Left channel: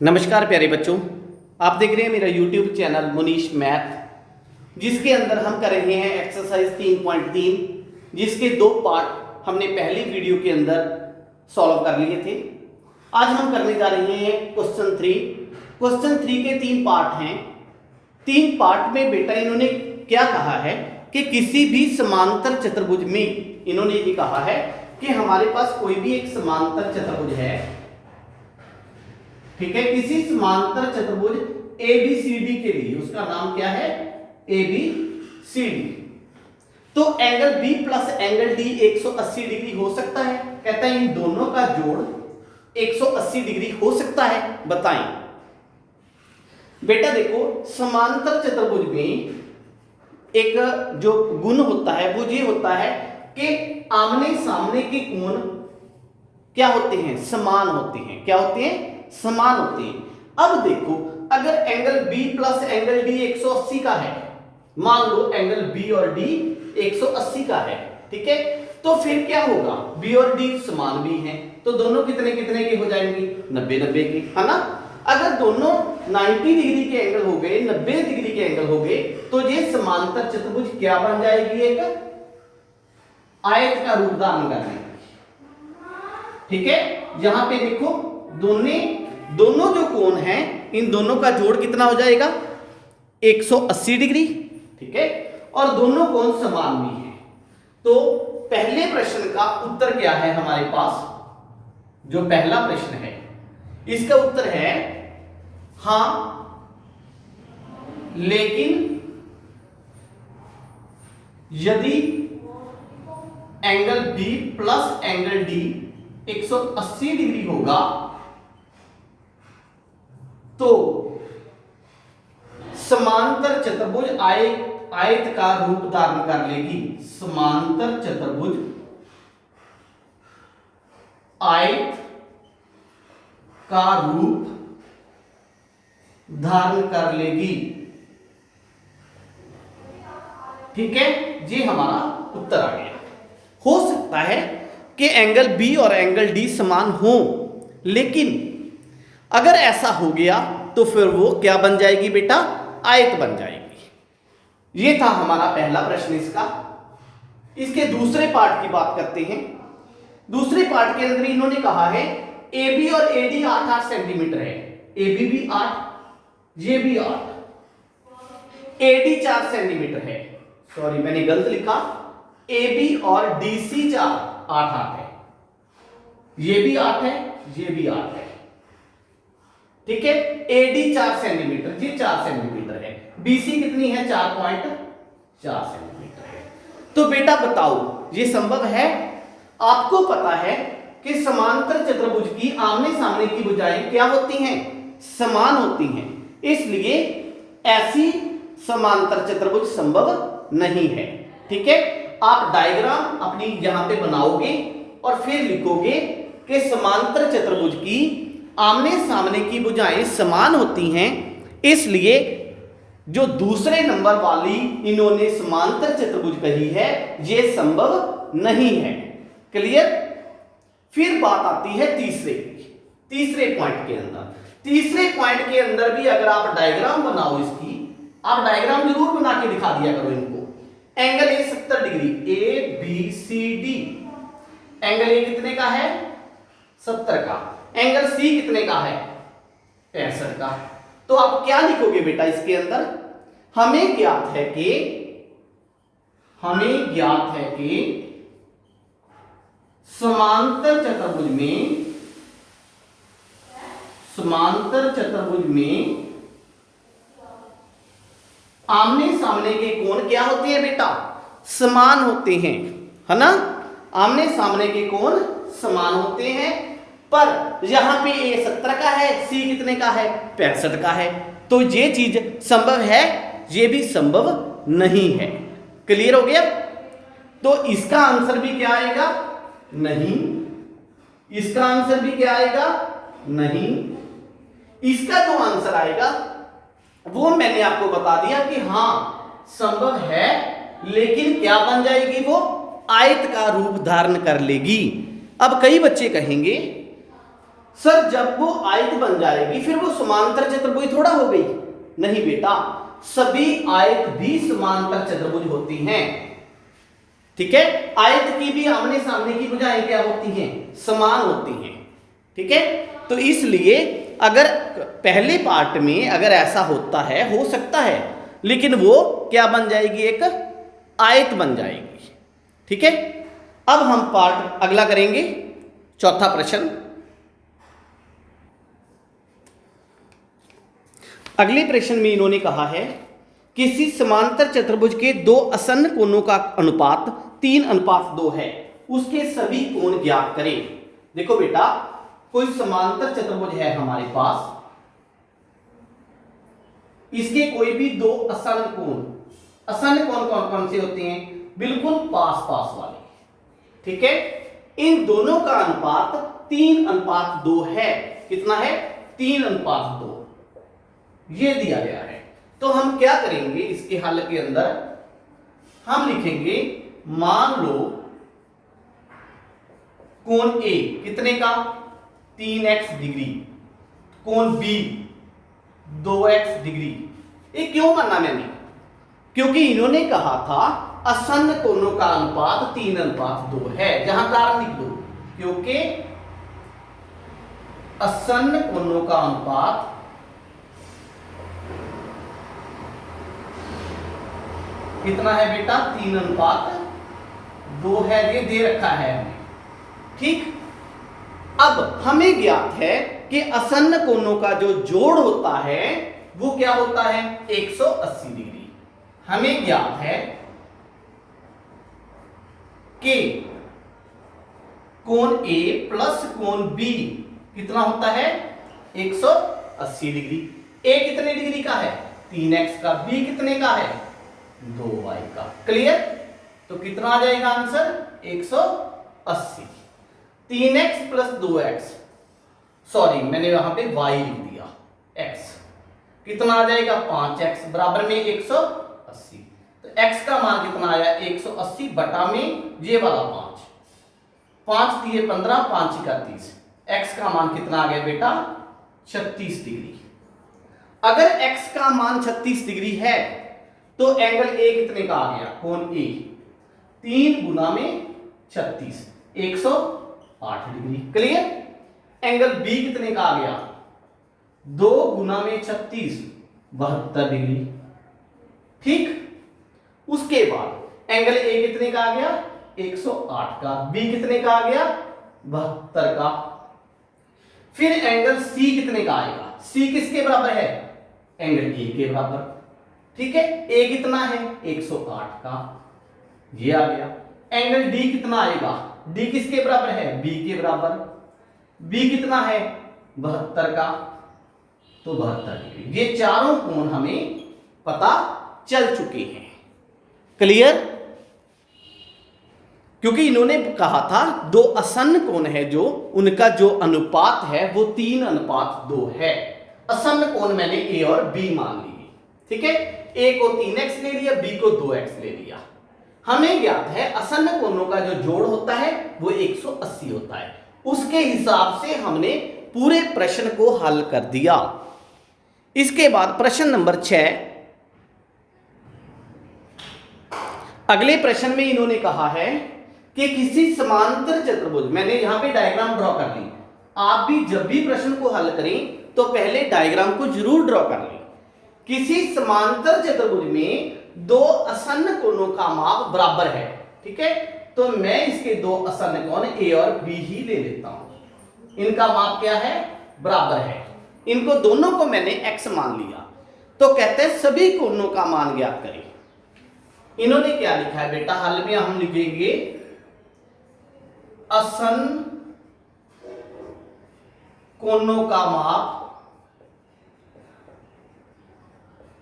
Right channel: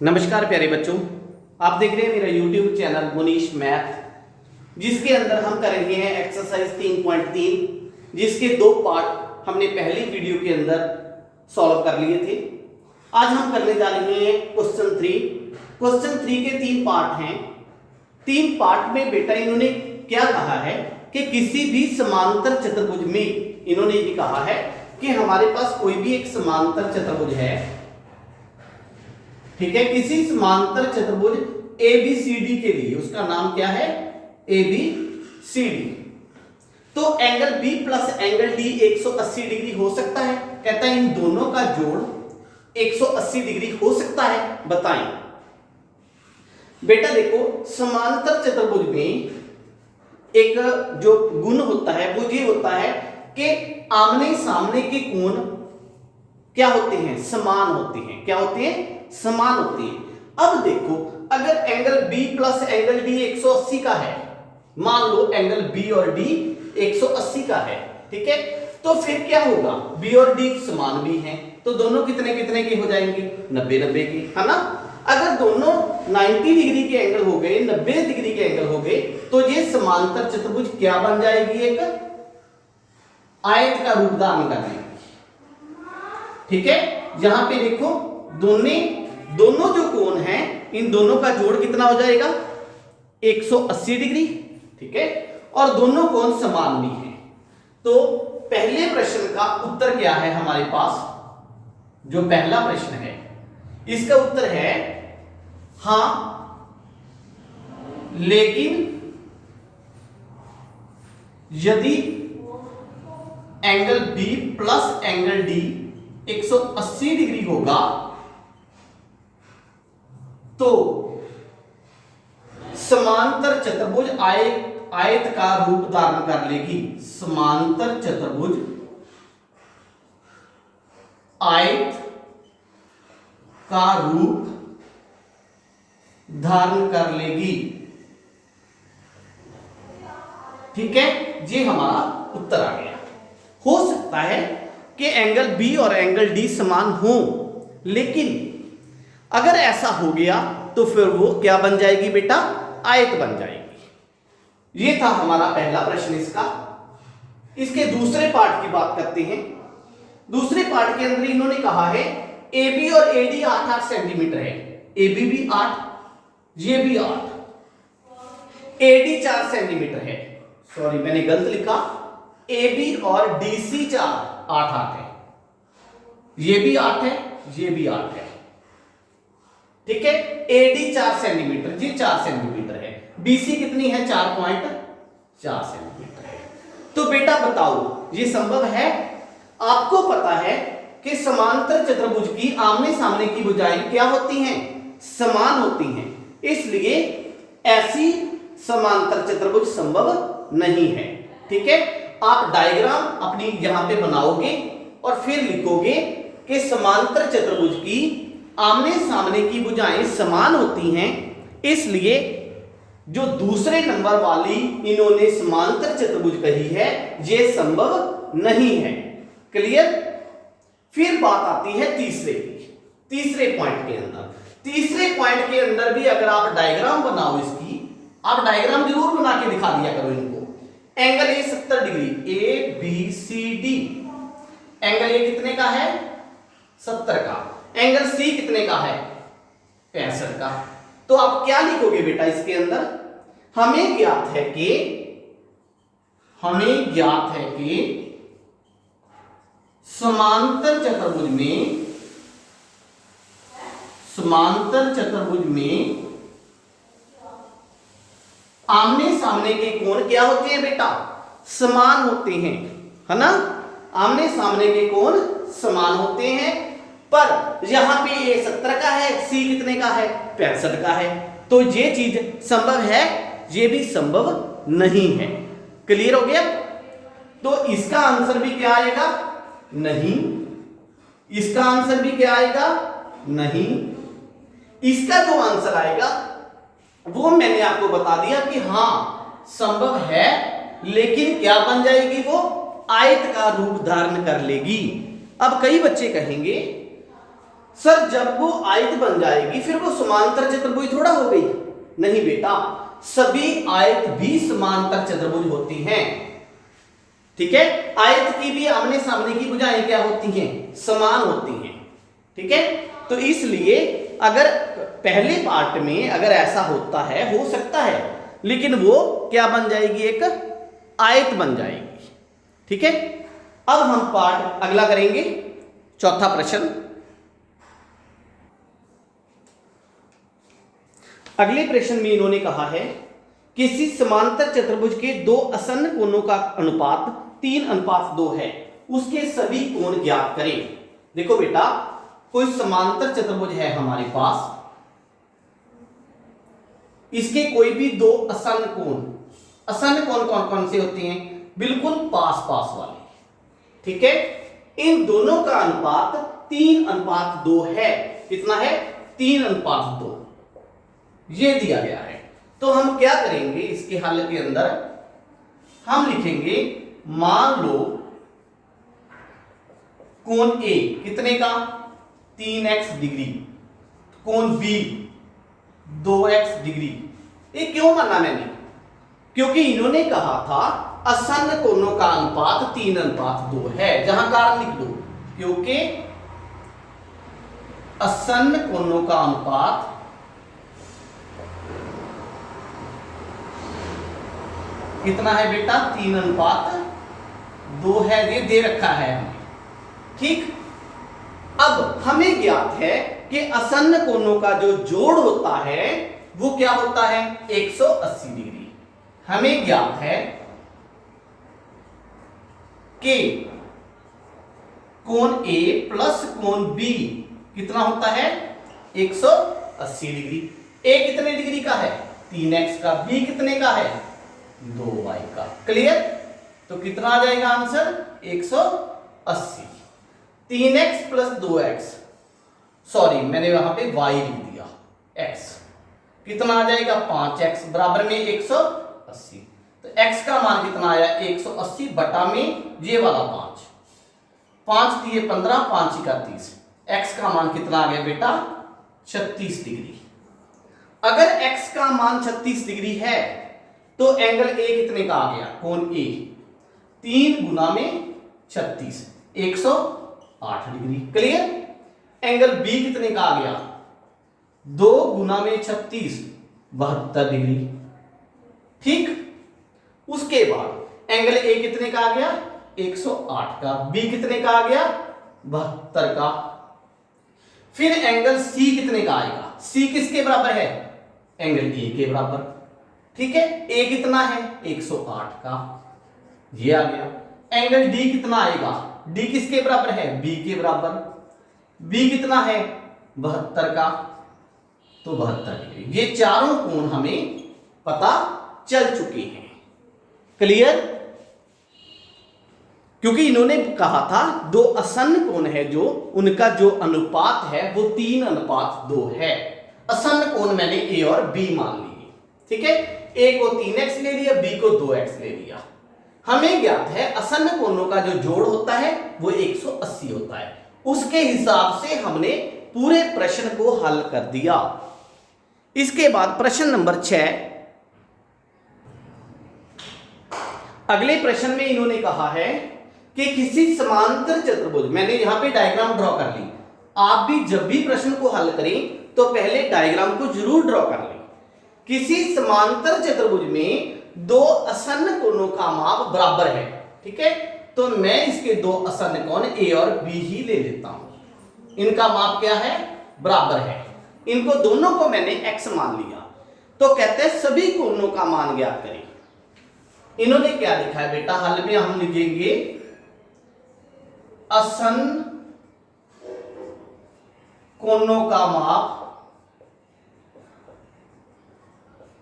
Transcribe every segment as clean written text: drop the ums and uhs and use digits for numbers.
नमस्कार प्यारे बच्चों, आप देख रहे हैं मेरा YouTube चैनल मुनीश मैथ, जिसके अंदर हम कर रहे हैं एक्सरसाइज 3.3, जिसके दो पार्ट हमने पहली वीडियो के अंदर सॉल्व कर लिए थे। आज हम करने जा रहे हैं क्वेश्चन 3। क्वेश्चन 3 के तीन पार्ट हैं। तीन पार्ट में बेटा इन्होंने क्या कहा है कि किसी भी समांतर चतुर्भुज में इन्होंने ये कहा है कि हमारे पास कोई भी एक समांतर चतुर्भुज है, ठीक है। किसी समांतर चतुर्भुज ABCD के लिए उसका नाम क्या है? ABCD। तो angle B plus angle D 180 degree हो सकता है। कहता है इन दोनों का जोड़ 180 डिग्री हो सकता है, बताएं। बेटा देखो, समांतर चतुर्भुज में एक जो गुण होता है वो ये होता है कि आमने सामने के कोण क्या होते हैं? समान होते हैं। क्या होते हैं? समान होते हैं। अब देखो, अगर angle B plus angle D 180 का है, मान लो एंगल B और D 180 का है, ठीक है, तो फिर क्या होगा? B और D समान भी हैं, तो दोनों कितने कितने के हो जाएंगे? 90-90 के, है ना। अगर दोनों 90 डिग्री के एंगल हो गए, 90 डिग्री के एंगल हो गए, तो ये समांतर चतुर्भुज क्या बन जाएगी? एक आयत का रूप धारण कर लेगी, ठीक है। यहां पे देखो, दोनों जो कोण हैं, इन दोनों का जोड़ कितना हो जाएगा? 180 डिग्री, ठीक है, और दोनों कोण समान भी हैं। तो पहले प्रश्न का उत्तर क्या है हमारे पास? जो पहला प्रश्न है इसका उत्तर है हां, लेकिन यदि angle B plus angle D 180 degree होगा तो समांतर चतुर्भुज आयत का रूप धारण कर लेगी। समांतर चतुर्भुज आयत का रूप धारण कर लेगी, ठीक है। ये हमारा उत्तर आ गया। हो सकता है कि एंगल B और एंगल D समान हो, लेकिन अगर ऐसा हो गया तो फिर वो क्या बन जाएगी बेटा? आयत बन जाएगी। ये था हमारा पहला प्रश्न इसका। इसके दूसरे पार्ट की बात करते हैं। दूसरे पार्ट के अंदर इन्होंने कहा है AB और AD 8-8 सेंटीमीटर है। AB भी 8, ये भी 8, AD 4 सेंटीमीटर है। सॉरी, मैंने गलत लिखा। AB और DC 4 8-8 है। ये भी 8 है, ये भी 8 है, ठीक है। AD 4 सेंटीमीटर, ये 4 सेंटीमीटर है। BC कितनी है? 4.4 सेंटीमीटर है। तो बेटा बताओ, ये संभव है? आपको पता है कि समांतर चतुर्भुज की आमने सामने की भुजाएं क्या होती हैं? समान होती हैं। इसलिए ऐसी समांतर चतुर्भुज संभव नहीं है, ठीक है। आप डायग्राम अपनी यहां पे बनाओगे और फिर लिखोगे कि समांतर चतुर्भुज की आमने सामने की भुजाएं समान होती हैं, इसलिए जो दूसरे नंबर वाली इन्होंने समांतर चतुर्भुज कही है ये संभव नहीं है। क्लियर? फिर बात आती है तीसरे पॉइंट के अंदर। तीसरे पॉइंट के अंदर भी अगर आप डायग्राम बनाओ इसकी, आप डायग्राम जरूर बना के दिखा दिया करो इनको। Angle A 70 degree, ABCD। Angle A कितने का है? 70 का। एंगल C कितने का है? 65 का। तो आप क्या लिखोगे बेटा इसके अंदर? हमें ज्ञात है कि समांतर चतुर्भुज में आमने सामने के कोण क्या होते हैं बेटा? समान होते हैं, है ना। आमने सामने के कोण समान होते हैं, पर यहां पे A 70 का है, C कितने का है? 65 का है। तो ये चीज संभव है, ये भी संभव नहीं है। क्लियर हो गया? तो इसका आंसर भी क्या आएगा? नहीं। इसका आंसर भी क्या आएगा? नहीं। इसका जो आंसर आएगा वो मैंने आपको बता दिया कि हां संभव है, लेकिन क्या बन जाएगी? वो आयत का रूप धारण कर लेगी। अब कई बच्चे कहेंगे सर जब वो आयत बन जाएगी फिर वो समांतर चतुर्भुज थोड़ा हो गई। नहीं बेटा, सभी आयत भी समांतर चतुर्भुज होती हैं। ठीक है, आयत की भी आमने सामने की भुजाएं क्या होती हैं? समान होती हैं। ठीक है, तो इसलिए अगर पहले पार्ट में अगर ऐसा होता है, हो सकता है, लेकिन वो क्या बन जाएगी? एक आयत बन जाएगी। ठीक है, अब हम पार्ट अगला करेंगे, चौथा प्रश्न। अगले प्रश्न में इन्होंने कहा है किसी समांतर चतुर्भुज के दो आसन्न कोणों का अनुपात 3:2 है, उसके सभी कोण ज्ञात करें। देखो बेटा, कोई समांतर चतुर्भुज है हमारे पास, इसके कोई भी दो आसन्न कोण, आसन्न कोण कौन कौन से होते हैं? बिल्कुल पास पास वाले। ठीक है, इन दोनों का अनुपात 3:2 है। कितना है? 3:2 ये दिया गया है। तो हम क्या करेंगे इसके हल के अंदर? हम लिखेंगे मान लो कोण ए कितने का? 3x डिग्री, कोण बी 2x डिग्री। ये क्यों माना मैंने? क्योंकि इन्होंने कहा था आसन्न कोणों का अनुपात 3:2 है। जहां कारण लिख दो, क्योंकि आसन्न कोणों का अनुपात कितना है बेटा? 3:2 है, ये दे रखा है हमें। ठीक, अब हमें ज्ञात है कि आसन्न कोणों का जो जोड़ होता है वो क्या होता है? 180 डिग्री। हमें ज्ञात है कि कोण ए प्लस कोण बी कितना होता है? 180 डिग्री। ए कितने डिग्री का है? 3x का। बी कितने का है? 2y का। क्लियर? तो कितना आ जाएगा answer? 180। 3x plus 2x, sorry मैंने वहां पे y लिख दिया, x कितना आ जाएगा? 5x बराबर में 180। तो x का मान कितना आया? 180 बटा में ये वाला 5, 5 दिए 15, 5 का 30। x का मान कितना आ गया बेटा? 36 डिग्री। अगर x का मान 36 डिग्री है तो एंगल ए कितने का आ गया? कोण ए 3 गुना में 36, 108 डिग्री। क्लियर? एंगल बी कितने का आ गया? 2 गुना में 36, 72 डिग्री। ठीक, उसके बाद एंगल ए कितने का आ गया? 108 का। बी कितने का आ गया? 72 का। फिर एंगल सी कितने का आएगा? सी किसके बराबर है? एंगल ए के बराबर। ठीक है, ए कितना है? 108 का, ये आ गया। एंगल डी कितना आएगा? डी किसके बराबर है? बी के बराबर। बी कितना है? 72 का, तो 72 डिग्री। ये चारों कोण हमें पता चल चुके हैं। क्लियर? क्योंकि इन्होंने कहा था दो आसन्न कोण है जो, उनका जो अनुपात है वो 3:2 है। आसन्न कोण मैंने ए और बी मान लिए। ठीक है, ए को 3x ले लिया, बी को 2x ले लिया। हमें ज्ञात है आसन्न कोणों का जो जोड़ होता है वो 180 होता है। उसके हिसाब से हमने पूरे प्रश्न को हल कर दिया। इसके बाद प्रश्न नंबर 6। अगले प्रश्न में इन्होंने कहा है कि किसी समांतर चतुर्भुज, मैंने यहां पे डायग्राम ड्रॉ कर ली। आप भी जब भी प्रश्न को हल करें तो पहले डायग्राम को जरूर ड्रॉ कर लें। किसी समांतर चतुर्भुज में दो आसन्न कोणों का माप बराबर है। ठीक है, तो मैं इसके दो आसन्न कोण ए और बी ही ले लेता हूं। इनका माप क्या है? बराबर है। इनको दोनों को मैंने x मान लिया। तो कहते हैं सभी कोणों का मान ज्ञात करें। इन्होंने क्या लिखा है बेटा? हल में हम लिखेंगे आसन्न कोणों का माप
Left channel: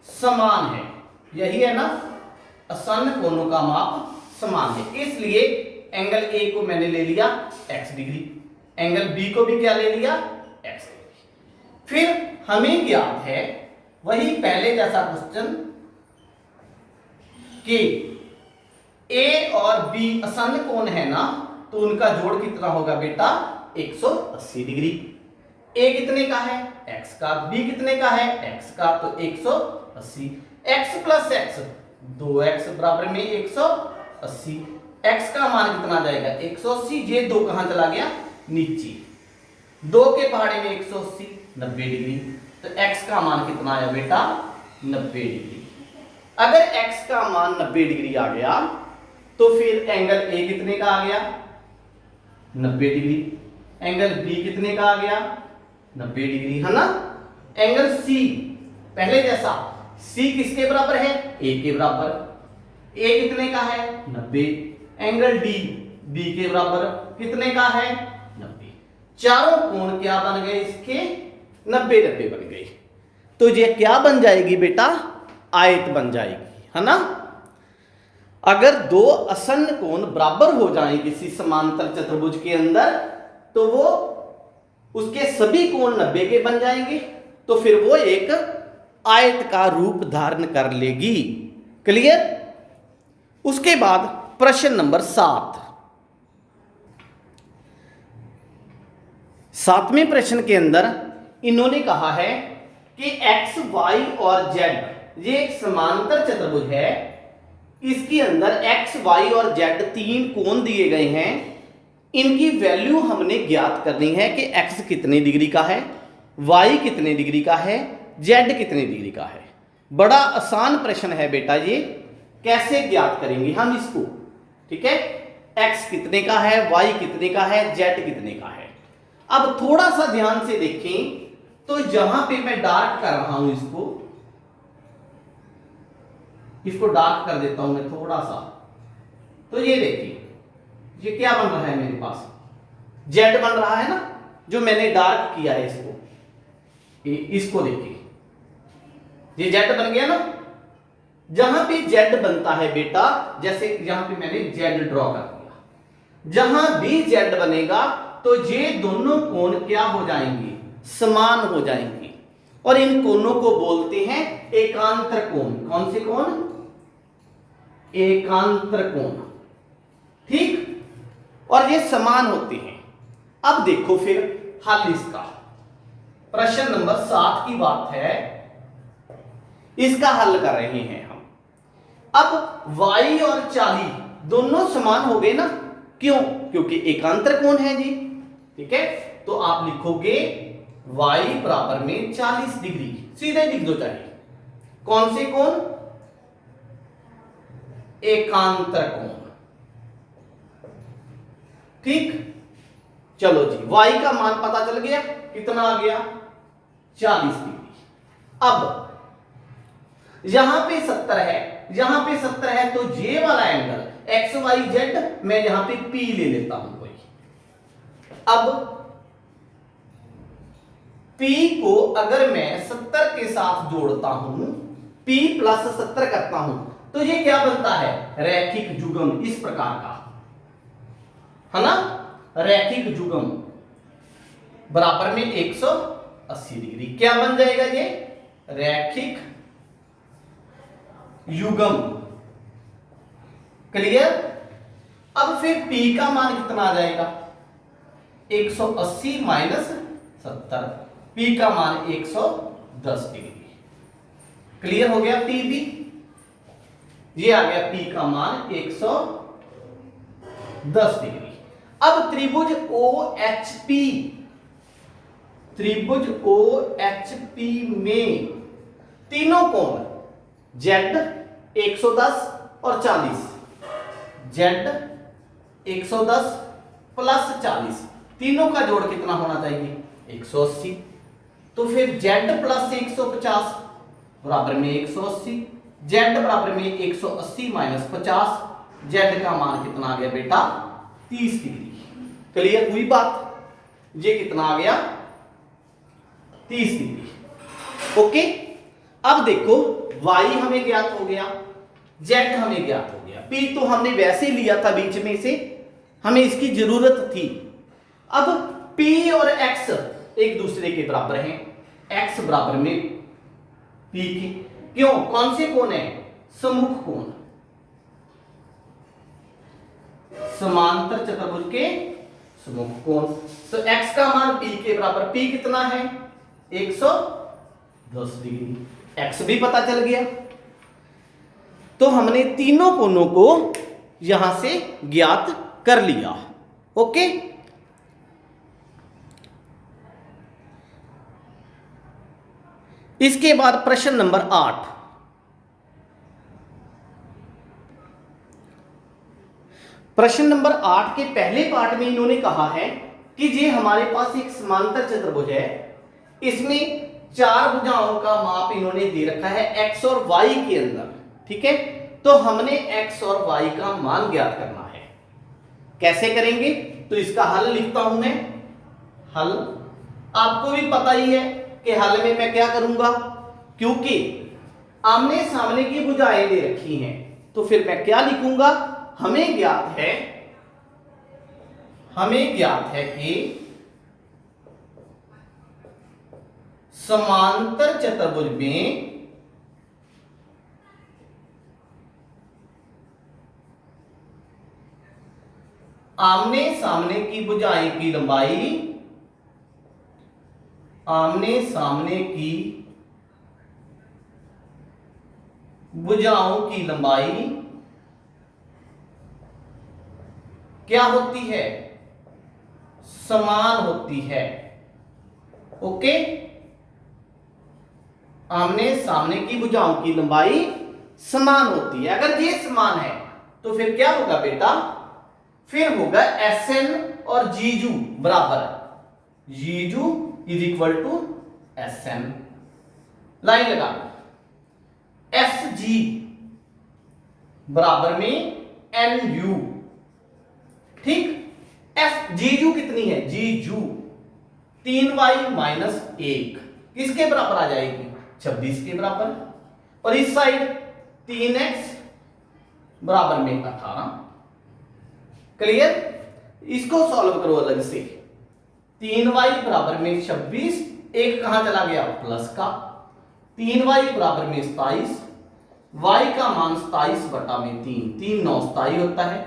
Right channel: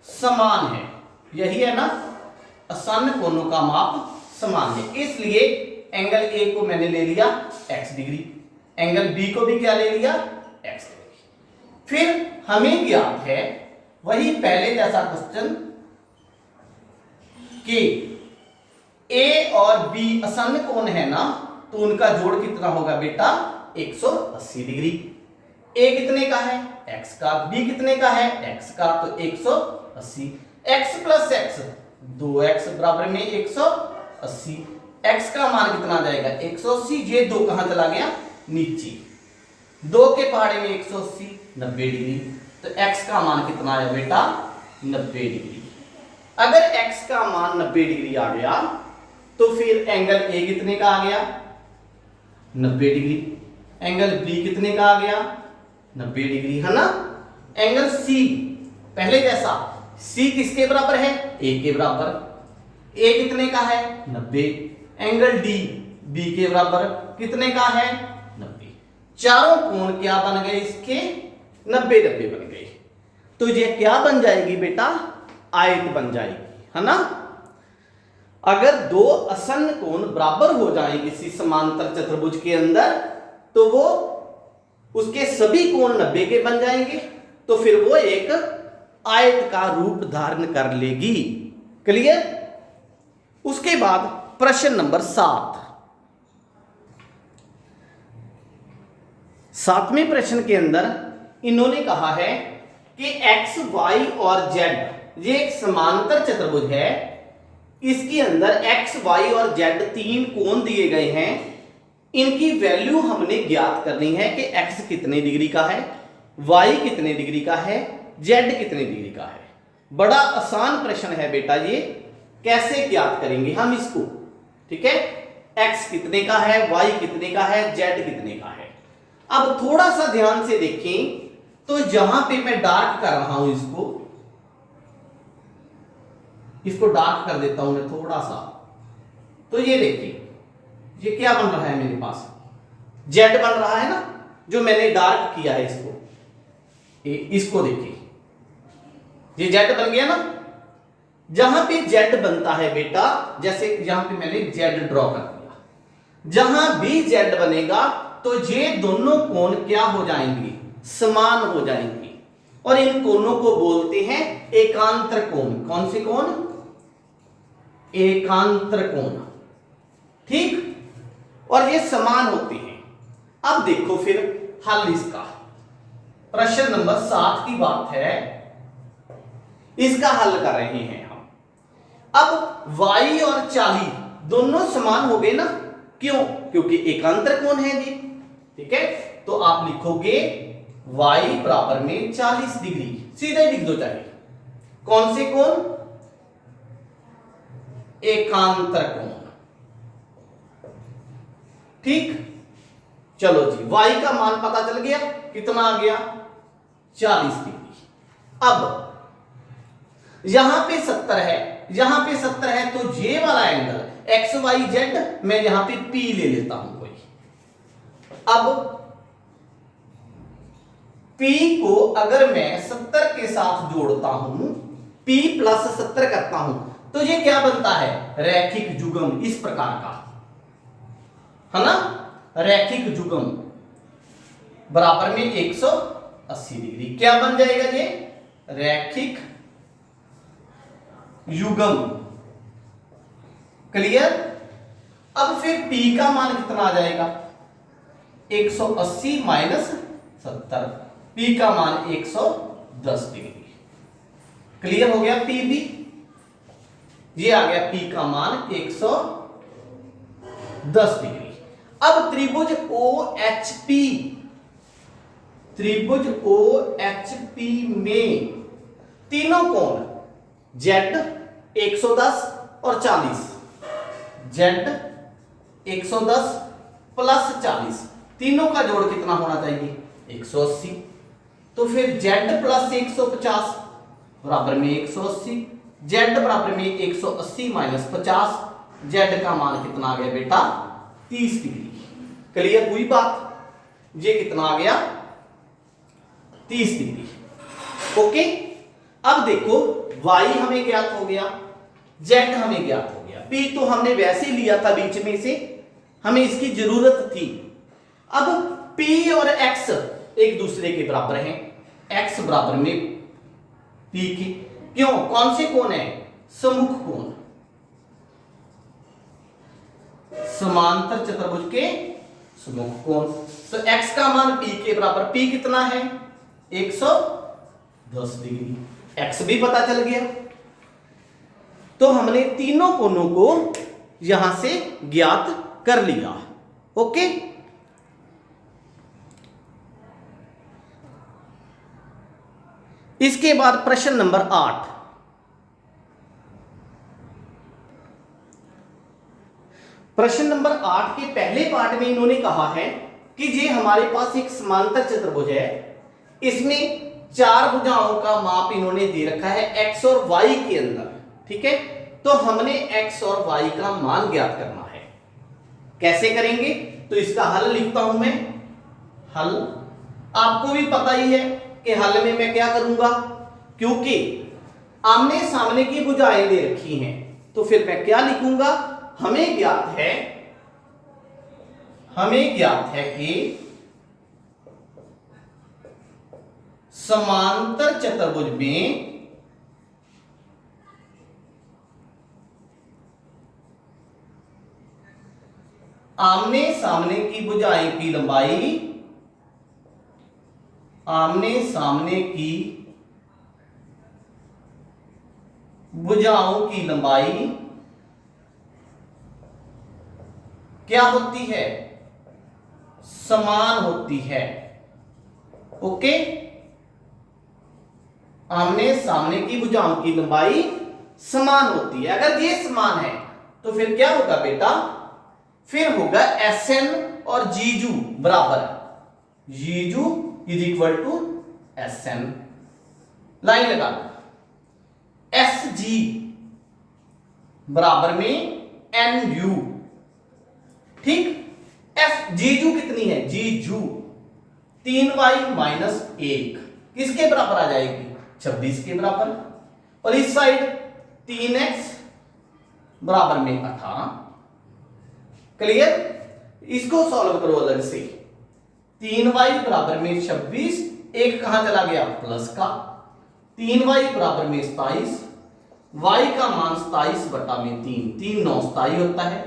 समान है। यही है ना? आसन्न कोणों का माप समान है, इसलिए एंगल ए को मैंने ले लिया x डिग्री, एंगल बी को भी क्या ले लिया? x degree. फिर हमें ज्ञात है वही पहले जैसा क्वेश्चन कि ए और बी आसन्न कोण है ना, तो उनका जोड़ कितना होगा बेटा? 180 डिग्री। ए कितने का है, x का, b कितने का है, x का, तो 180, x प्लस x 2x बराबर में 180, x का मान कितना जाएगा 180, ये 2 कहां चला गया नीचे, 2 के पहाड़े में 180 90 डिग्री, तो x का मान कितना आया बेटा 90 डिग्री। अगर x का मान 90 डिग्री आ गया तो फिर एंगल a कितने का आ गया 90 डिग्री, एंगल b कितने का आ गया 90 डिग्री, है ना। एंगल c पहले जैसा, c किसके बराबर है a के बराबर, a कितने का है 90, एंगल d b के बराबर कितने का है 90, चारों कोण क्या बन गए इसके 90 90 बन गए, तो ये क्या बन जाएगी बेटा आयत बन जाएगी, है ना। अगर दो आसन्न कोण बराबर हो जाएं किसी समांतर चतुर्भुज के अंदर तो वो उसके सभी कोण 90 के बन जाएंगे, तो फिर वो एक आयत का रूप धारण कर लेगी। क्लियर। उसके बाद प्रश्न नंबर 7, 7वें प्रश्न के अंदर इन्होंने कहा है कि x, y और z ये एक समांतर चतुर्भुज है, इसके अंदर x, y और z 3 कोण दिए गए हैं, इनकी वैल्यू हमने ज्ञात करनी है कि x कितने डिग्री का है, y कितने डिग्री का है, z कितने डिग्री का है। बड़ा आसान प्रश्न है बेटा ये, कैसे ज्ञात करेंगे हम इसको, ठीक है। x कितने का है, y कितने का है, z कितने का है। अब थोड़ा सा ध्यान से देखें तो जहां पे मैं डार्क कर रहा हूं इसको डार्क कर देता हूं मैं थोड़ा सा, तो ये देखिए ये क्या बन रहा है मेरे पास z बन रहा है ना, जो मैंने डार्क किया है इसको देखिए ये z बन गया ना। जहां पे z बनता है बेटा, जैसे यहां पे मैंने z ड्रॉ कर दिया, जहां भी z बनेगा तो ये दोनों कोण क्या हो जाएंगे समान हो जाएंगे, और इन कोणों को बोलते हैं एकांतर कोण। कौन से कोण, एकांतर कोण, ठीक, और ये समान होते हैं। अब देखो फिर हल इसका, प्रश्न नंबर 7 की बात है, इसका हल कर रहे हैं हम। अब y और 40 दोनों समान हो गए ना, क्यों, क्योंकि एकांतर कोण है जी, ठीक है। तो आप लिखोगे y बराबर में 40 डिग्री, सीधे लिख दो चाहिए, कौन से कोण, एकांतर कोण, ठीक। चलो जी, y का मान पता चल गया, कितना आ गया 40 डिग्री। अब यहां पे 70 है, यहां पे 70 है, तो ये वाला एंगल x y z मैं यहां पे p ले लेता हूं कोई। अब p को अगर मैं 70 के साथ जोड़ता हूं, p प्लस 70 करता हूं, तो ये क्या बनता है रैखिक युग्म, इस प्रकार का, है ना। रैखिक युग्म बराबर में 180 डिग्री, क्या बन जाएगा ये रैखिक युग्म। क्लियर। अब फिर p का मान कितना आ जाएगा 180 माइनस 70, p का मान 110 डिग्री। क्लियर हो गया p भी, ये आ गया p का मान 110 डिग्री। अब त्रिभुज OHP, त्रिभुज OHP में तीनों कोण z 110 और 40, z 110 प्लस 40, तीनों का जोड़ कितना होना चाहिए 180, तो फिर z प्लस 150 बराबर में 180, z बराबर में 180 माइनस 50, z का मान कितना आ गया बेटा 30 डिग्री। क्लियर हुई बात, ये कितना आ गया 30 डिग्री। ओके। अब देखो y हमें ज्ञात हो गया, z हमें ज्ञात हो गया, p तो हमने वैसे लिया था बीच में से, हमें इसकी जरूरत थी। अब p और x एक दूसरे के बराबर हैं, x बराबर में p की, क्यों, कौन से कोण है सम्मुख कोण, समांतर चतुर्भुज के समकोण। तो x का मान p के बराबर, p कितना है 110 डिग्री, x भी पता चल गया। तो हमने तीनों कोणों को यहां से ज्ञात कर लिया। ओके, इसके बाद प्रश्न नंबर 8। प्रश्न नंबर 8 के पहले पार्ट में इन्होंने कहा है कि ये हमारे पास एक समांतर चतुर्भुज है, इसमें 4 भुजाओं का माप इन्होंने दे रखा है x और y के अंदर। ठीक है, तो हमने x और y का मान ज्ञात करना है। कैसे करेंगे? तो इसका हल लिखता हूं मैं। हल आपको भी पता ही है कि हल में मैं क्या करूंगा, क्योंकि आमने सामने की भुजाएं दे रखी हैं, तो फिर मैं क्या लिखूंगा, हमें ज्ञात है कि समांतर चतुर्भुज में आमने सामने की भुजाएं की लंबाई, आमने सामने की भुजाओं की लंबाई क्या होती है, समान होती है। ओके, आमने सामने की भुजाओं की लंबाई समान होती है। अगर ये समान है तो फिर क्या होगा बेटा, फिर होगा SN और जीजू बराबर, जीजू is equal to SN। Line लगा, SG बराबर में NU। ठीक, एफ जीजू कितनी है, जीजू 3y माइनस 1 किसके बराबर आ जाएगी, 26 के बराबर। और इस साइड 3x बराबर में 18। क्लियर? इसको सॉल्व करो अलग से। 3y बराबर में 26, एक कहां चला गया, प्लस का। 3y बराबर में 27, y का मान 27 बटा में 3, 3 9 27 होता है,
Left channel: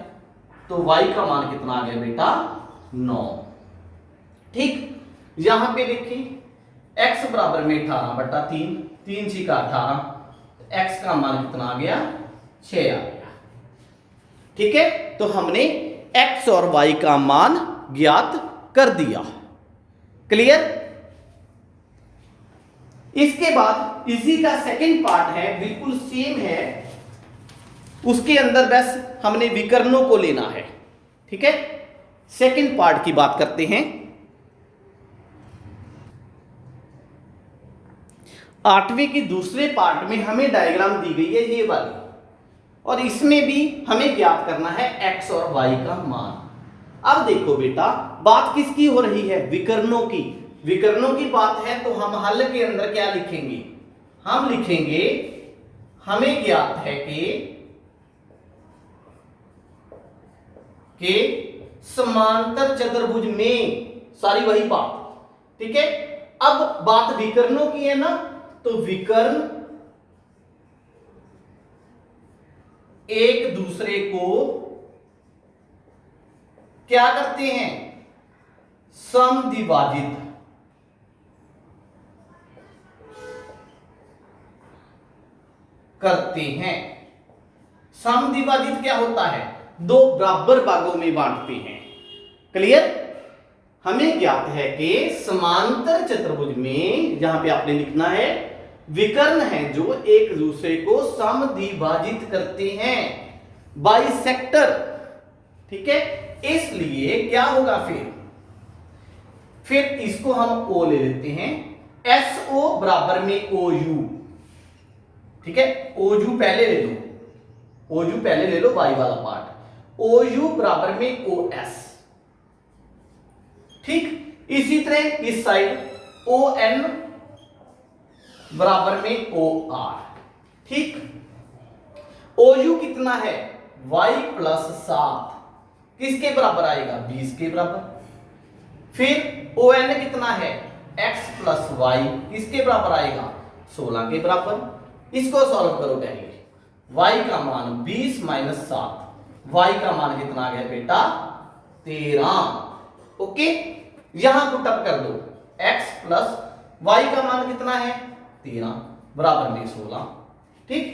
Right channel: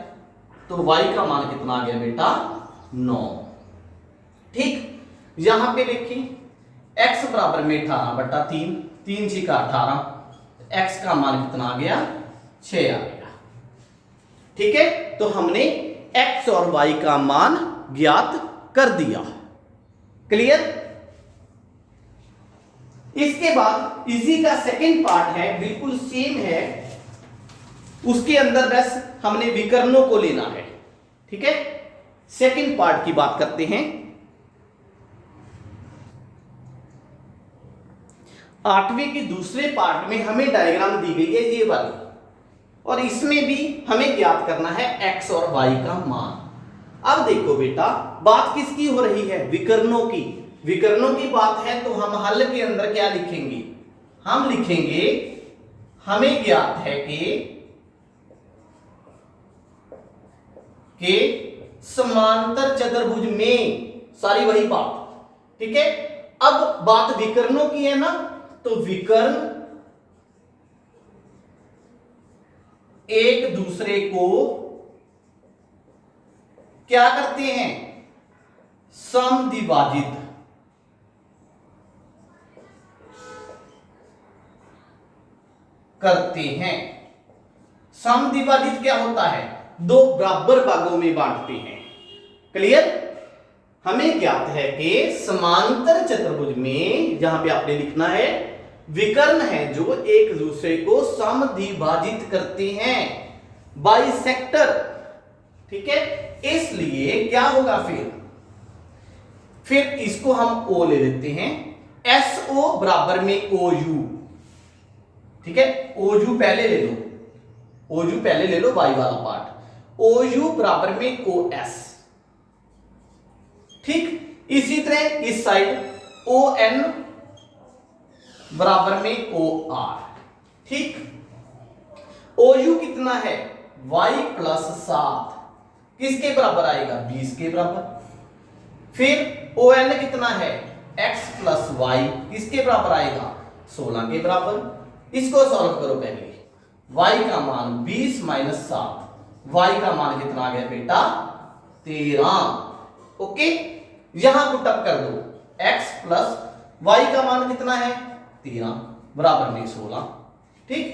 तो y का मान कितना आ गया बेटा, 9। ठीक, यहां पे देखिए x बराबर में 18 बटा 3, 3 6 का 18, x का मान कितना आ गया, 6 आ गया। ठीक है, तो हमने x और y का मान ज्ञात कर दिया। क्लियर? इसके बाद इसी का सेकंड पार्ट है, बिल्कुल सेम है, उसके अंदर बस हमने विकर्णों को लेना है। ठीक है, सेकंड पार्ट की बात करते हैं। 8वें के दूसरे पार्ट में हमें डायग्राम दी गई है ये वाली, और इसमें भी हमें ज्ञात करना है x और y का मान। अब देखो बेटा, बात किसकी हो रही है, विकर्णों की। विकर्णों की बात है तो हम हल के अंदर क्या लिखेंगे, हम लिखेंगे हमें ज्ञात है कि समांतर चतुर्भुज में, सारी वही बात। ठीक है, अब बात विकर्णों की है ना, तो विकर्ण एक दूसरे को क्या करते हैं, समद्विभाजित करते हैं। समद्विभाजित क्या होता है, दो बराबर भागों में बांटते हैं। क्लियर? हमें ज्ञात है कि समांतर चतुर्भुज में, जहां पे आपने लिखना है, विकर्ण है जो एक दूसरे को समद्विभाजित करते हैं, बाइसेक्टर। ठीक है, इसलिए क्या होगा, फिर इसको हम O ले लेते हैं, SO बराबर में OU। ठीक है, OU पहले ले लो, OU पहले ले लो, y वाला पार्ट, OU बराबर में OS। ठीक, इसी तरह इस साइड ON बराबर में OR। ठीक, OU कितना है, y प्लस 7 किसके बराबर आएगा, 20 के बराबर। फिर ON कितना है, x प्लस y किसके बराबर आएगा, 16 के बराबर। इसको सॉल्व करो पहले, y का मान 20 माइनस 7, y का मान कितना आ गया बेटा, 13। ओके, यहां पुटअप कर दो, x प्लस वाई का मान कितना है 13 बराबर में 16। ठीक,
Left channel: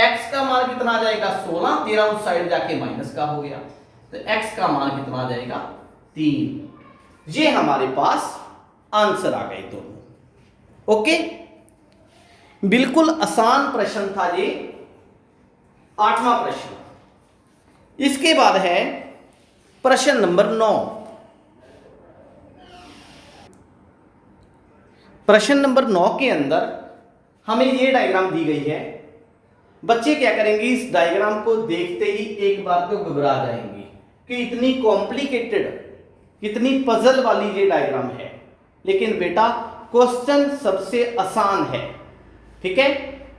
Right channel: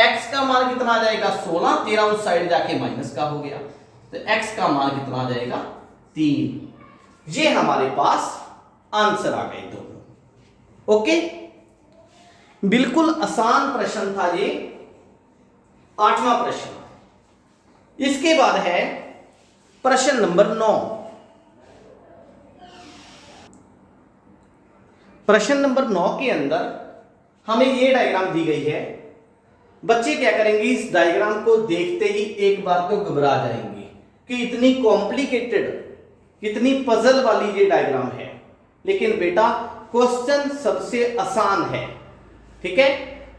x का मान कितना आ जाएगा 16, 13 उस साइड जाके माइनस का हो गया, तो x का मान कितना आ जाएगा 3। ये हमारे पास आंसर आ गए दोनों। ओके, बिल्कुल आसान प्रश्न था ये, 8वां प्रश्न। इसके बाद है प्रश्न नंबर 9। प्रश्न नंबर 9 के अंदर हमें ये डायग्राम दी गई है। बच्चे क्या करेंगे, इस डायग्राम को देखते ही एक बार तो घबरा जाएंगे कि इतनी कॉम्प्लिकेटेड, इतनी पजल वाली ये डायग्राम है। लेकिन बेटा क्वेश्चन सबसे आसान है। ठीक है,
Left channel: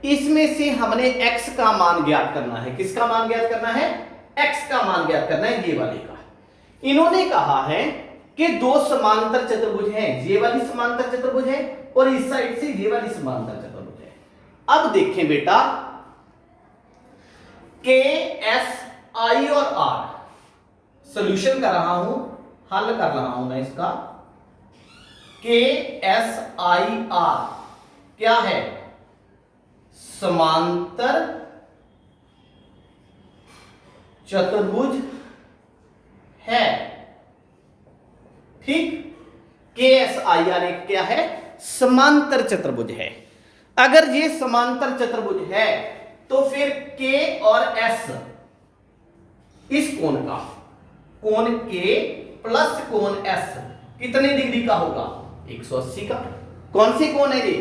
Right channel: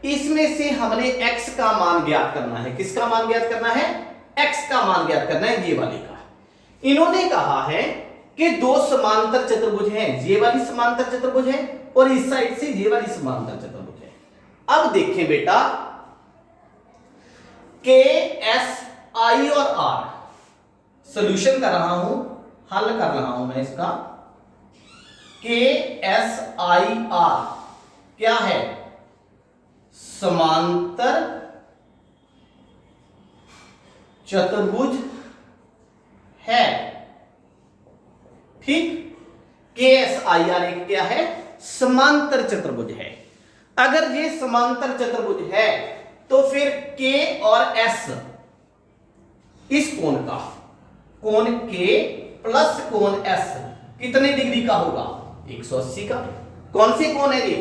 इसमें से हमने x का मान ज्ञात करना है। किसका मान ज्ञात करना है, x का मान ज्ञात करना है, ये वाले का। इन्होंने कहा है कि दो समांतर चतुर्भुज हैं, ये वाली समांतर चतुर्भुज है और इस साइड से ये वाली समांतर चतुर्भुज है। अब देखें बेटा, के एस आई और आर, सॉल्यूशन कर रहा हूं, हल कर रहा हूं मैं इसका। के एस आई आर क्या है, समांतर चतुर्भुज है। ठीक, के एस आई आर एक क्या है, समांतर चतुर्भुज है। अगर ये समांतर चतुर्भुज है तो फिर के और एस, इस कोण का, कोण के प्लस कोण एस कितने डिग्री का होगा, 180 का। कौन सी कोण है ये,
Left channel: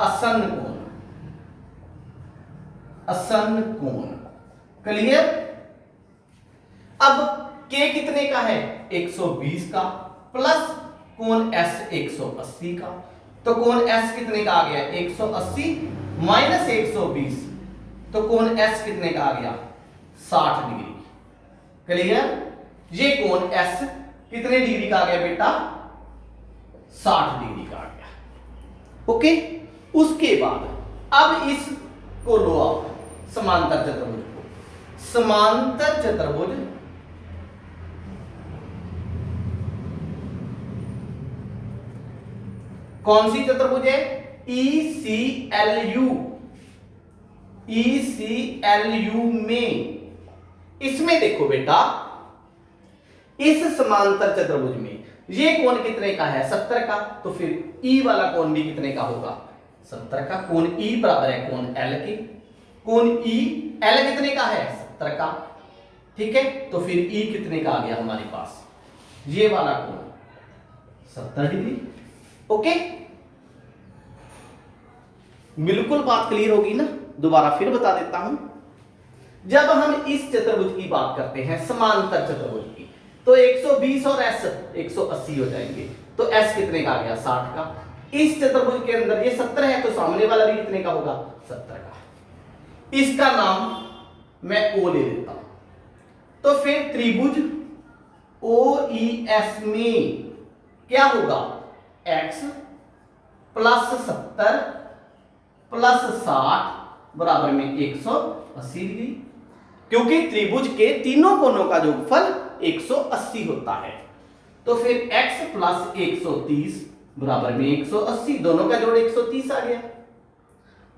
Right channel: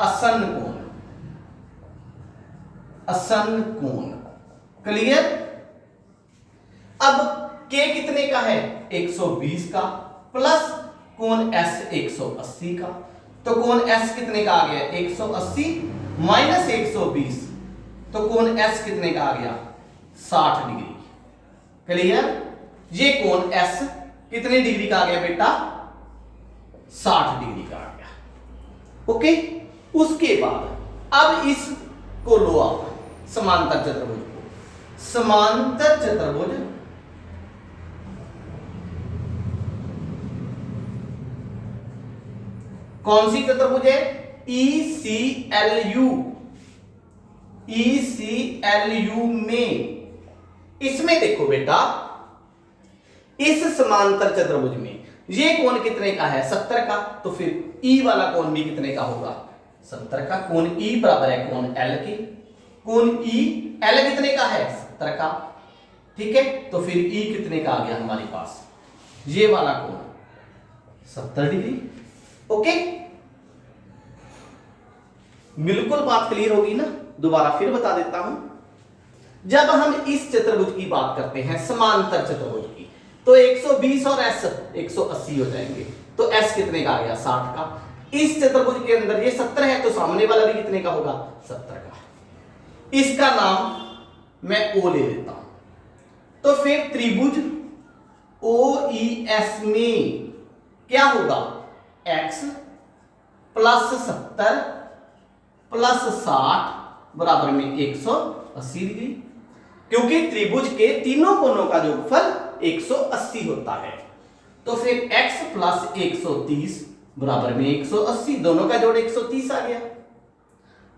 आसन्न कोण, आसन्न कोण। क्लियर। अब के कितने का है, 120 का, प्लस कोण एस 180 का। तो कोण एस कितने का आ गया, 180 माइनस 120, तो कोण एस कितने का आ गया, 60 डिग्री। क्लियर। ये कोण एस कितने डिग्री का आ गया बेटा, 60 डिग्री का आ गया। ओके, उसके बाद अब इसको लो आप, समांतर चतुर्भुज को। समांतर चतुर्भुज कौन सी चतुर्भुज है, ECLU, ECLU में। इसमें देखो बेटा, इस समांतर चतुर्भुज में ये कोण कितने का है, 70 का, तो फिर E वाला कोण भी कितने का होगा, 70 का। कोण E बराबर है कोण L के। कोण E L कितने का है, 70 का। ठीक है, तो फिर E कितने का आ गया हमारे पास, ये वाला कोण 70 डिग्री। ओके, बिल्कुल बात क्लियर होगी ना। दोबारा फिर बता देता हूं, जब हम इस चतुर्भुज की बात करते हैं, समांतर चतुर्भुज की, तो 120 और S 180 हो जाएंगे, तो S कितने का आ गया, 60 का। इस चतुर्भुज के अंदर ये 70 है, तो सामने वाला भी कितने का होगा, 70 का। इसका नाम मैं O ले लेता हूं। तो फिर त्रिभुज OES में क्या होगा, x प्लस 70 प्लस 60 बराबर में 180 डिग्री, क्योंकि त्रिभुज के तीनों कोणों का योगफल 180 होता है। तो फिर x प्लस 130 बराबर में 180, दोनों का जोड़ 130 आ गया।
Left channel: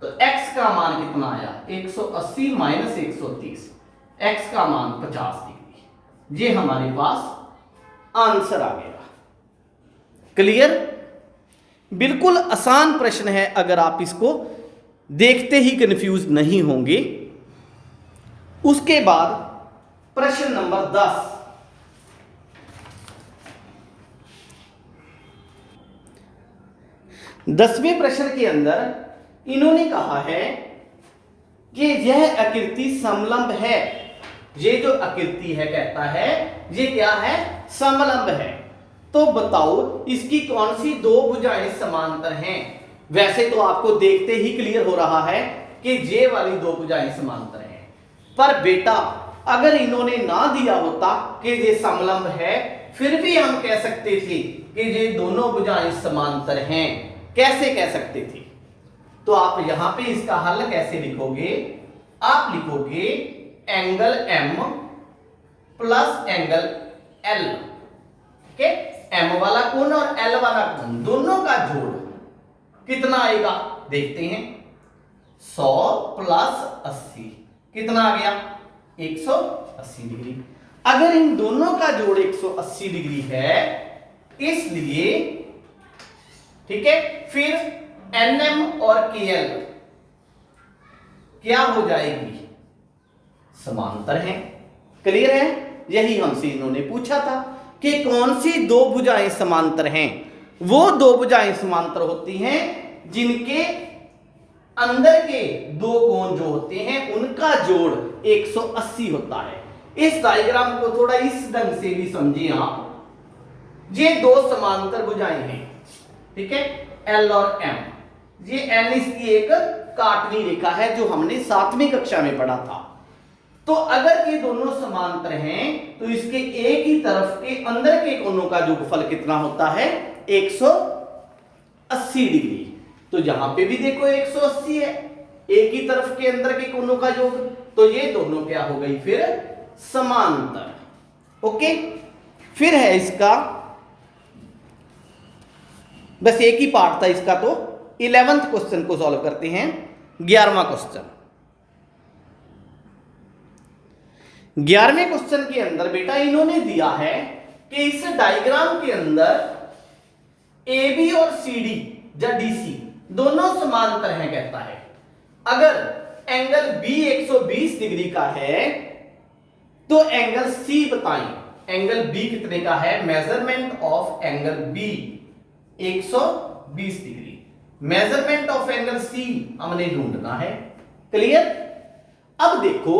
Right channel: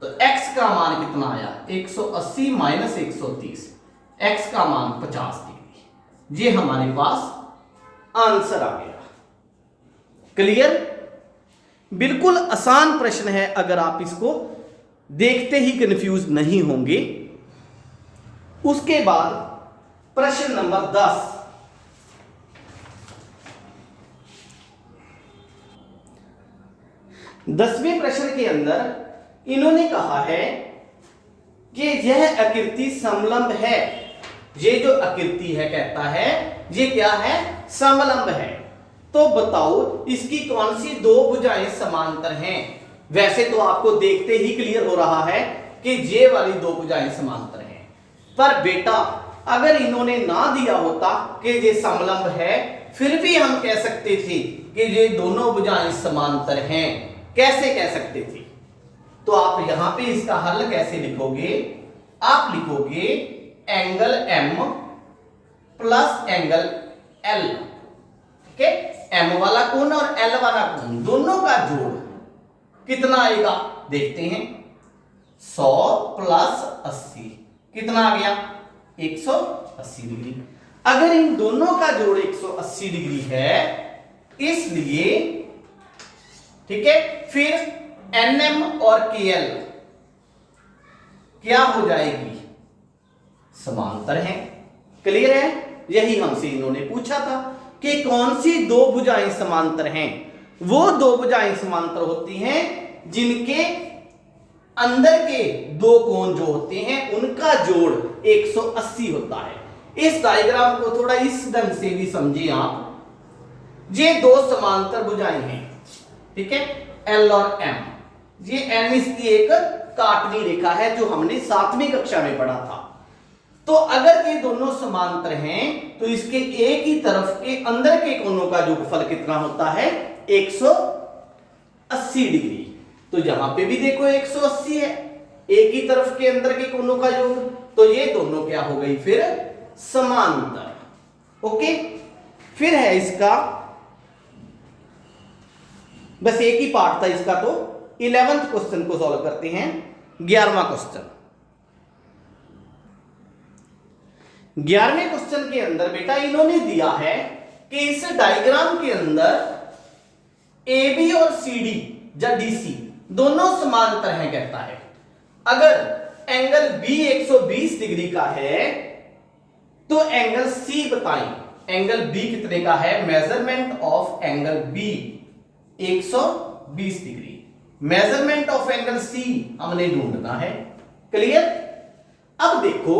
तो x का मान कितना आया, 180 माइनस 130, x का मान 50 डिग्री। ये हमारे पास आंसर आ गया। क्लियर। बिल्कुल आसान प्रश्न है, अगर आप इसको देखते ही कंफ्यूज नहीं होंगे। उसके बाद प्रश्न नंबर 10। दसवें प्रश्न के अंदर इन्होंने कहा है कि यह आकृति समलंब है। ये जो आकृति है, कहता है ये क्या है, समलंब है। तो बताओ इसकी कौन सी दो भुजाएं समांतर हैं। वैसे तो आपको देखते ही क्लियर हो रहा है कि ये वाली दो भुजाएं समांतर हैं, पर बेटा अगर इन्होंने ना दिया होता कि ये समलंब है, फिर भी हम कह सकते थे कि ये दोनों भुजाएं समांतर हैं। कैसे कह सकते थे, तो आप यहां पे इसका हल कैसे लिखोगे, आप लिखोगे angle M plus angle L कि M वाला कोण और L वाला कोण दोनों का जोड़ कितना आएगा देखते हैं। 100 प्लस 80 कितना आ गया 180 डिग्री। अगर इन दोनों का जोड़ 180 डिग्री है इसलिए ठीक है फिर NM और KL क्या हो जाएगी समांतर है। क्लियर है। यही हमसे इन्होंने पूछा था कि कौन सी दो भुजाएं समांतर हैं। वो दो भुजाएं समांतर होती हैं जिनके अंदर के दो कोण जो होते हैं उनका जोड़ 180 होता है। इस डायग्राम को थोड़ा इस ढंग से भी समझिए आप। ये दो समांतर भुजाएं हैं ठीक है L और M। ये N इसकी एक काटनी रेखा है जो हमने 7वीं कक्षा में पढ़ा था। तो अगर ये दोनों समांतर हैं तो इसके एक ही तरफ के अंदर के कोणों का योगफल कितना होता है 180 डिग्री। तो यहां पे भी देखो 180 है एक ही तरफ के अंदर के कोणों का योग। तो ये दोनों क्या हो गई फिर समांतर। ओके फिर है इसका बस एक ही पार्ट था इसका। तो 11th क्वेश्चन को सॉल्व करते हैं। 11वां क्वेश्चन 11वें क्वेश्चन के अंदर बेटा इन्होंने दिया है कि इस डायग्राम के अंदर AB और CD या DC दोनों समांतर हैं कहता है। अगर एंगल B 120 डिग्री का है तो एंगल C बताएं। एंगल B कितने का है measurement of angle B 120 degree. Measurement of angle C हमने ढूंढना है। क्लियर। अब देखो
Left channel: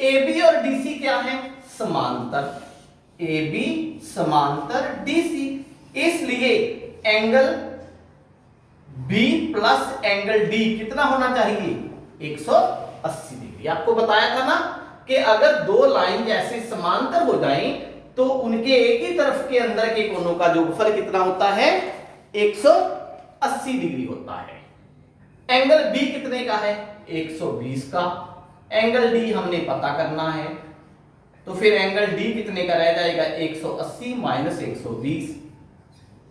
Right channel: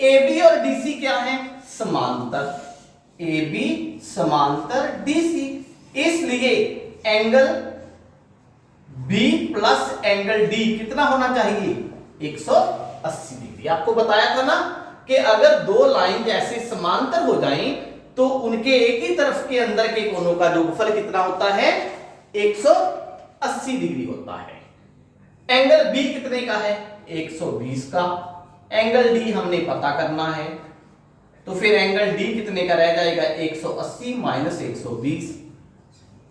AB और DC क्या है समांतर। AB समांतर DC इसलिए angle B plus angle D कितना होना चाहिए 180 डिग्री। आपको बताया था ना कि अगर दो लाइन जैसे समांतर हो जाएं तो उनके एक ही तरफ के अंदर के कोणों का योगफल कितना होता है 180 डिग्री होता है। एंगल B कितने का है 120 का। एंगल D हमने पता करना है तो फिर एंगल D कितने का रह जाएगा 180 माइनस 120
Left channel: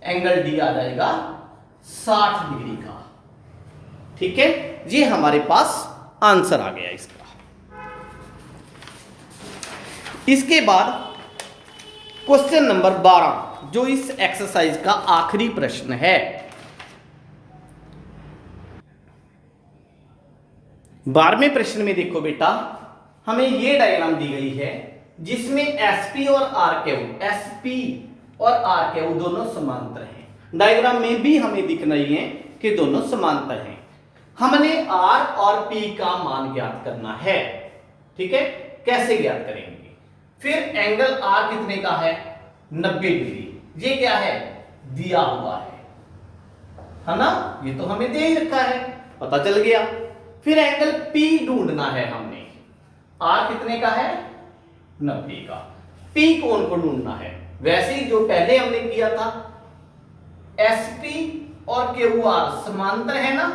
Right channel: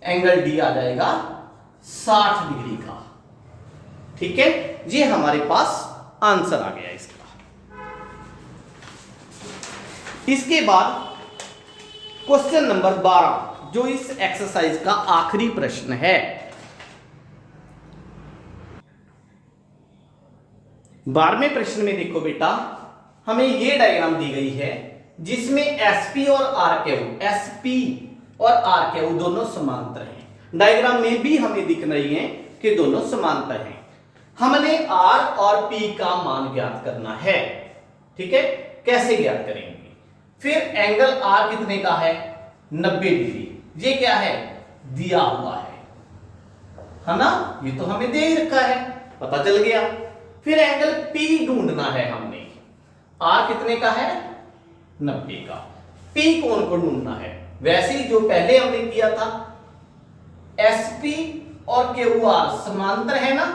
एंगल D आ जाएगा 60 डिग्री का। ठीक है ये हमारे पास आंसर आ गया इसका। इसके बाद क्वेश्चन नंबर 12 जो इस एक्सरसाइज का आखिरी प्रश्न है। 12वें प्रश्न में देखो बेटा हमें यह डायग्राम दी गई है जिसमें SP और RQ दोनों समांतर हैं। डायग्राम में भी हमें दिख रही है कि दोनों समांतर हैं। हमने R और P का मान ज्ञात करना है। ठीक है कैसे ज्ञात करेंगे। फिर एंगल R कितने का है 90 डिग्री। ये क्या है दिया हुआ है ना। ये तो हमें दे ही रखा है पता चल गया। फिर एंगल P ढूंढना है हमने। R कितने का है 90 का। P कोण को ढूंढना है वैसे ही जो पहले हमने किया था। SP और QR समांतर है ना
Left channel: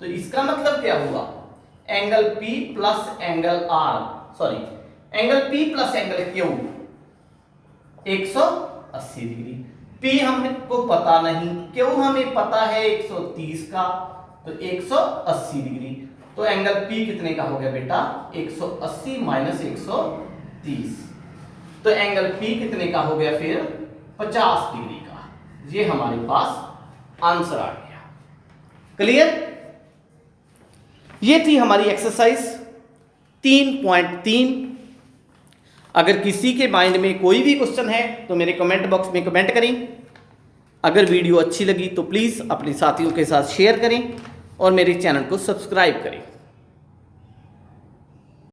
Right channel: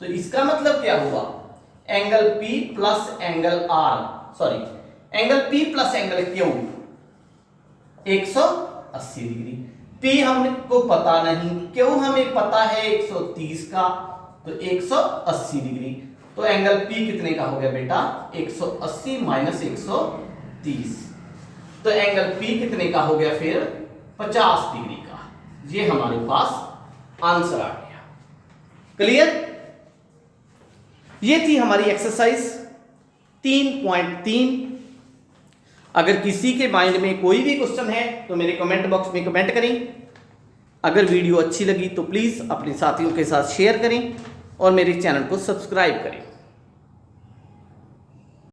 तो इसका मतलब क्या हुआ angle P plus angle R sorry angle P plus angle Q 180 degree. P हमको पता नहीं Q हमें पता है 130 का तो 180 डिग्री। तो एंगल P कितने का हो गया बेटा 180 माइनस 130 तो एंगल P कितने का हो गया फिर 50 डिग्री का। ये हमारे पास आंसर आ गया। क्लियर। ये थी हमारी एक्सरसाइज 3.3। अगर किसी के माइंड में कोई भी क्वेश्चन है तो मेरे कमेंट बॉक्स में कमेंट करें। अगर वीडियो अच्छी लगी तो प्लीज़ अपने साथियों के साथ शेयर करें और मेरे चैनल को सब्सक्राइब करें।